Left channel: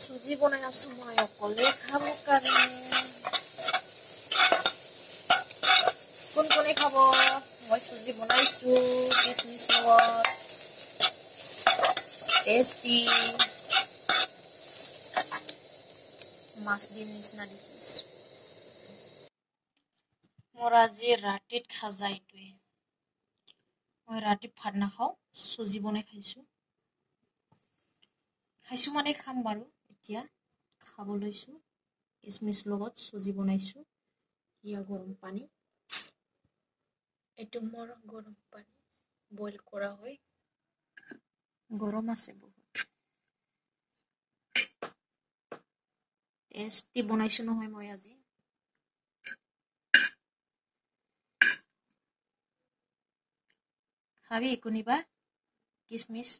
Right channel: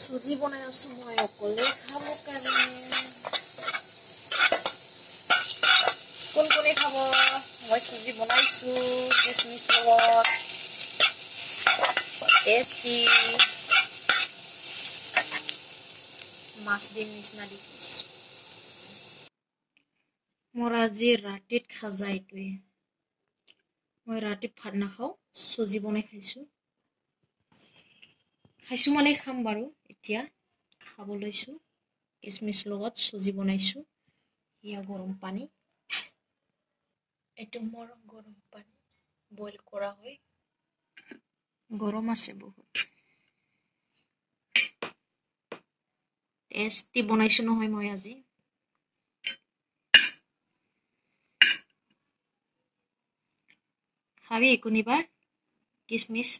সুজি বনাই আছো মই অকলে খাব কাৰণে কোন কোনে খাব মই সুজি বনাইছো কিচমিচ লগত টেস্টি মাছ দিম নিচিনা দেখিছো মোৰ আজি ৰাতিত খাজা এইটোৱে মই ৰাতি ভাত নাখাওঁ সুজি বনাই খাইছো মানে খাম বাৰু এতিয়া খাব লৈছো কিচমিচ লগত সুজি বনাইছো ইয়া গৰম পানী এইটো মোৰ গৰম পানী বইল কৰা হয় গৰম আছে বহুত টেস্টি বনাইছো নহয় মই আজি খাবি কোনিবা কিচমিচ